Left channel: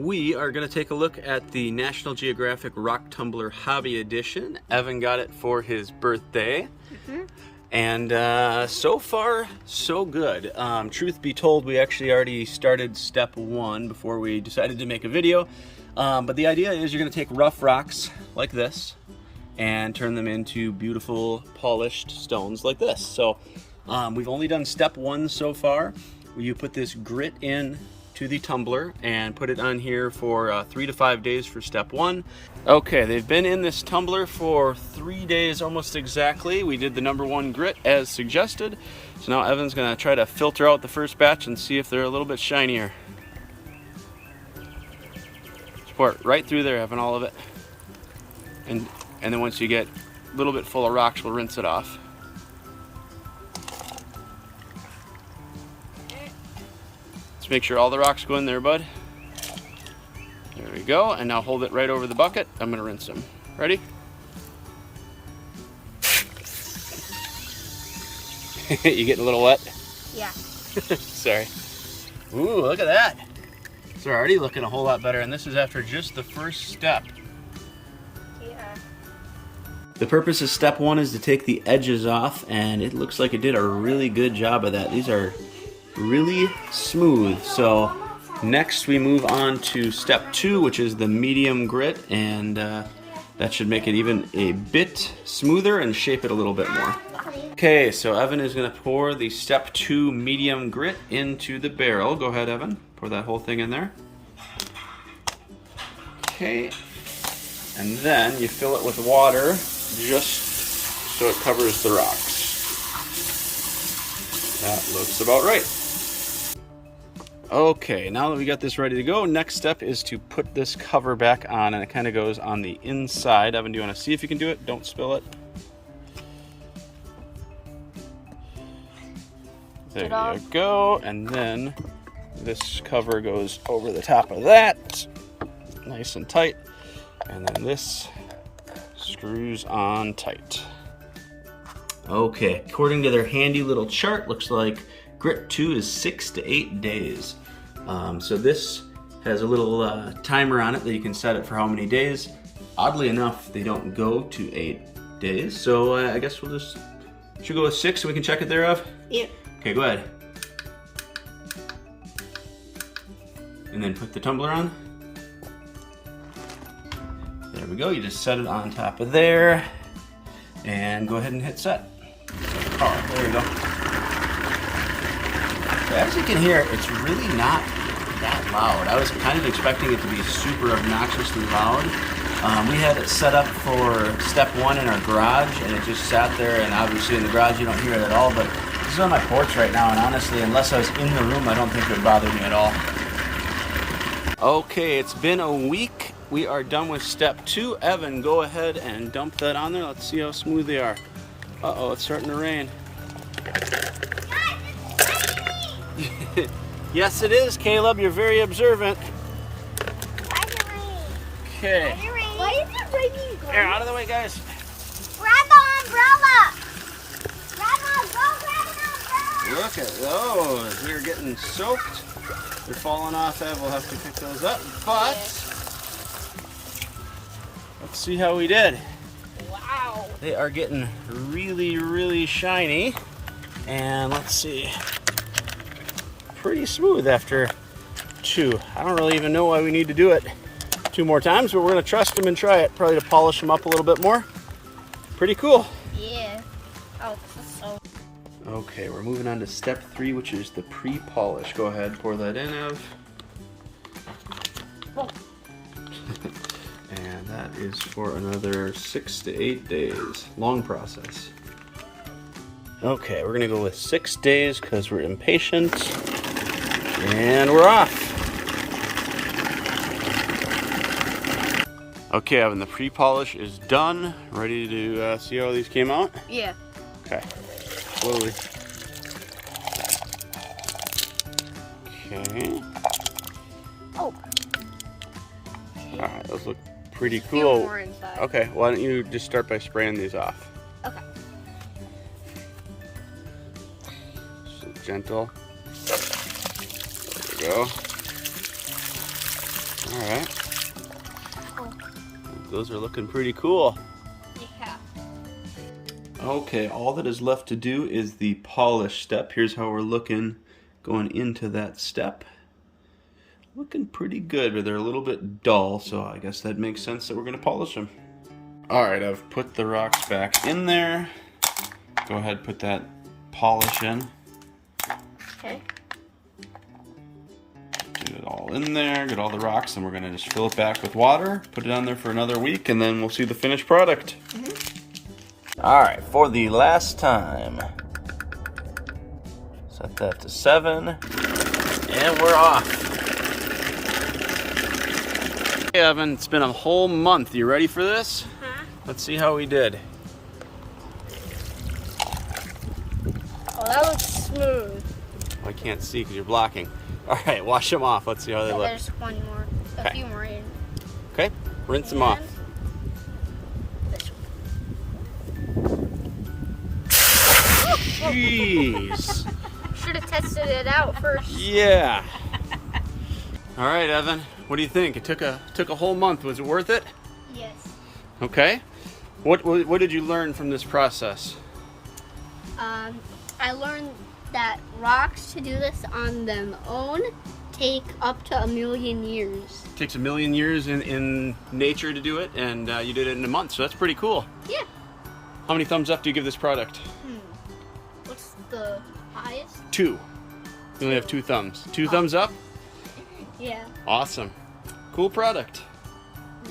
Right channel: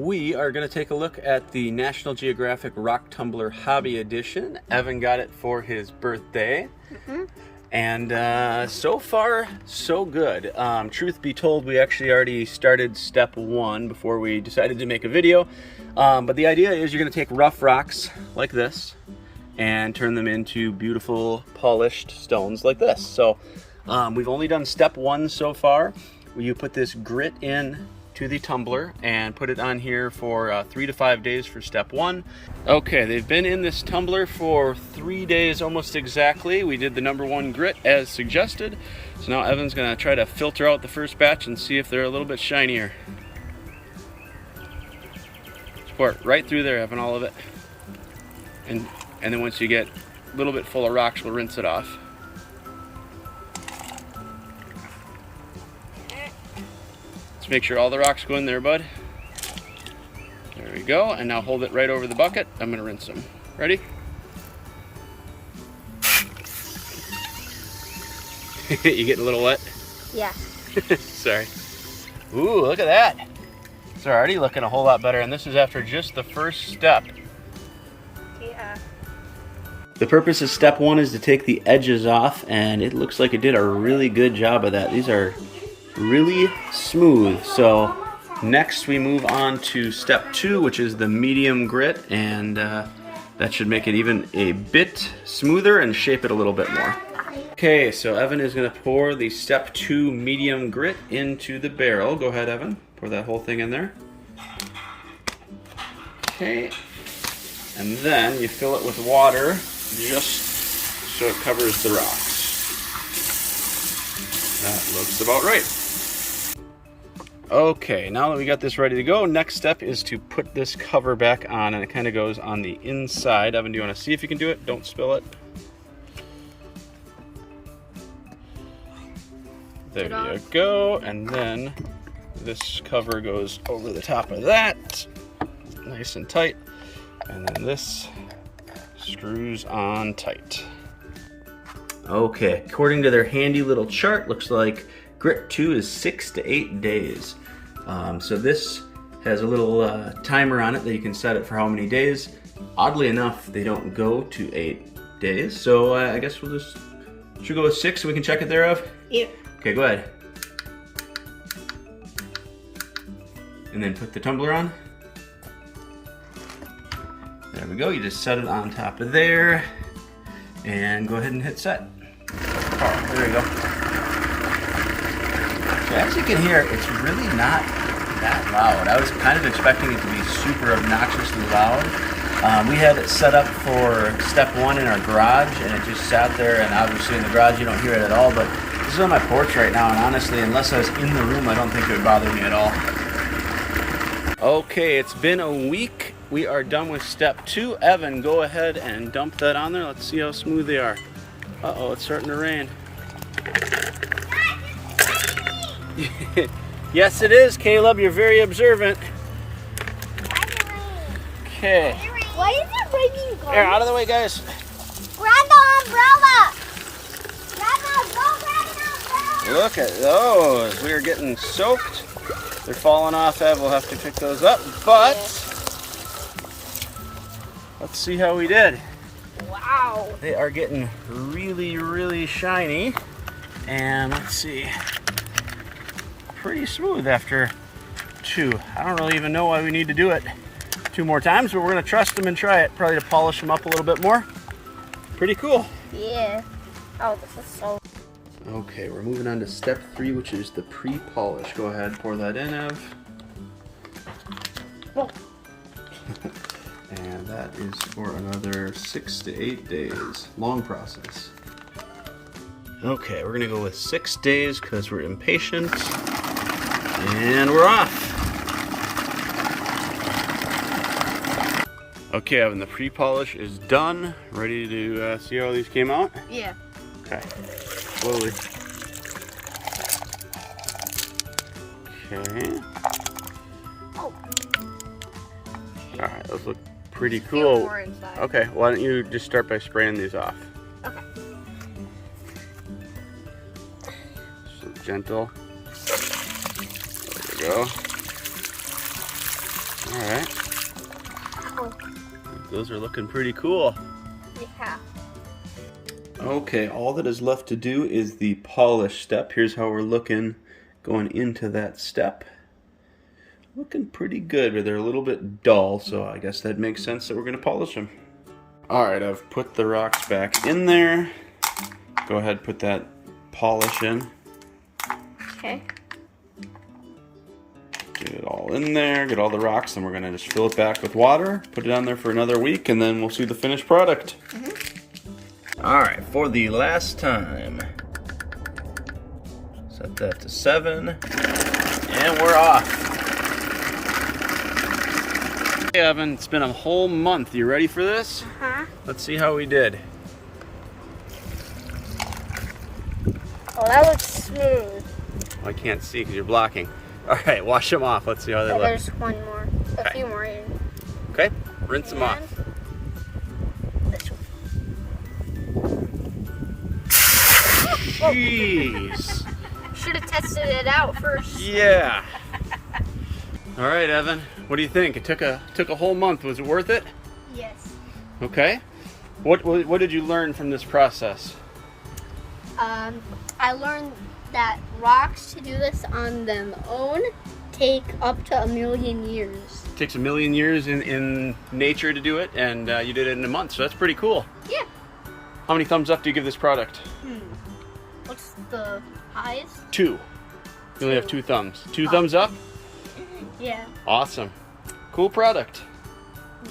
We are going to take a look at the National Geographic Rock Tumbler Hobby Edition. Evan got it for his birthday. And so far, so good. Truth be told, we actually already started step one before we decided to make a video. But the idea is you're going to take rough rocks like this and turn them into beautiful polished stones like this. So we've only done step one so far. You put this grit in to the tumbler and put it on here for 3 to 5 days for step one. Okay, they've been in this tumbler for 3 days almost exactly. We did the number one grit as suggested. So now Evan's gonna try to filter out the first batch and see if they're a little bit shinier. Just pour it right through there, Evan, all of it. And then once you get a little bit full of rocks, we'll rinse it off. Make sure all the rocks go in there, bud. There we go. And now hold it right over the bucket. I'm gonna rinse them. Ready? You getting a little wet? Yeah. Sorry. Ooh, look at that. They're already looking a whole lot better, and this is after just the first step. Yeah. The purpose of step one is to take the edges off, and it looks like it did a really good job of that. These are really smooth. So next we move on to step two, which is the medium grit, and that should make it even a bit smoother and shape it a little bit more. Okay, so Evan is going to pour the step two medium grit into the barrel. Go ahead, Evan. Pour that whole thing in there. Okay, and then you fill it with water just so it covers the rocks. That looks about right. Okay, now that we got this ready to go, next step is to put this cover back on, and it kind of goes on the inside. Evan, do you want to see if you can do it? Don't spill it. There you go, and then this cover goes over the top of that, nice and tight, and then this screws on tight. Okay, according to their handy little chart, looks like grit 2 is 6 to 8 days. So this has a little timer on it that you can set it for how many days. Oddly enough, they don't go to 8 days, so I guess should we go with 6 so we can check it there, Ev? Yeah. Okay, go ahead. And then put the tumbler on. There we go, you just set it on top of there. And go ahead and hit set. Oh, there you go. So as you can hear, it's really not that loud. I was kind of expecting it to be super obnoxiously loud. We had it set up for step one in our garage, and it just sat there, and obviously in the garage you don't hear it at all, but this is on my porch right now, and honestly, unless I was in the room, I don't think it would bother me at all. Okay, it's been a week. We are done with step two. Evan, go ahead and dump that on there. Let's see how smooth they are. Uh-oh, it's starting to rain. Yes, it is, Caleb. You're very observant. Okay. Why is it raining? Here, out of the way, guys. Grab the umbrella. Grab the umbrella. Look at those. We are getting soaked. They're falling off, Ev. We'll have to pick those up. But let's see how we did. Wow. They are getting really, really shiny. And let's see. Pretty smooth after 2. I don't really even know why we need to do it 2 more times, but we're going to trust them and try it, probably to polish them up a little bit more. Pretty cool. Yeah. Oh, this is so... Okay, we're moving on to step 3, which is the pre-polish. Go ahead, pour that in, Ev. And that is for another 6 to 8 days. Long process. Okay, we're gonna go with 6 days because we're impatient. And we're off. Okay, Evan, the pre-polish is done. Ready to see how these came out? Yeah. Okay, slowly. Okay. Oh. All right, those look pretty cool. More inside. Okay, why don't you just start by spraying these off? Okay. So gentle. There we go. All right. Oh. Those are looking pretty cool. Yeah. Okay, all that is left to do is the polish step. Here's how we're looking going into that step. Looking pretty good, but they're a little bit dull, so I guess that makes sense that we're going to polish them. All right, I've put the rocks back in there. Go ahead, put that polish in. Okay. Get it all in there, get all the rocks, and we're going to just fill it back with water, put it on there for another week, and then we'll see the finished product. All right, for the last time, set that to 7, and we're off. Hey Evan, it's been a whole month. You ready for this? Uh-huh. Let's see how we did. Oh, that looks smooth. Well, I can't see because you're blocking. All right, wash them off. Let's see how they look. There's one more. A few more in. Okay, rinse them off. This one. Jeez. Should have tested it out first. Yeah. All right, Evan. What do you think? It took a whole month. Was it worth it? Yes. Okay. What did you learn from this process? I learned that rocks to do this on their own take up to 1,000,000 years. It takes 1,000,000 years in nature to do it, and you did it in a month, so that's pretty cool. Yeah. How many thumbs up do you give this product? What's the highest? 2. You only have 2 thumbs. 2 thumbs up? Yeah. Awesome. Cool product.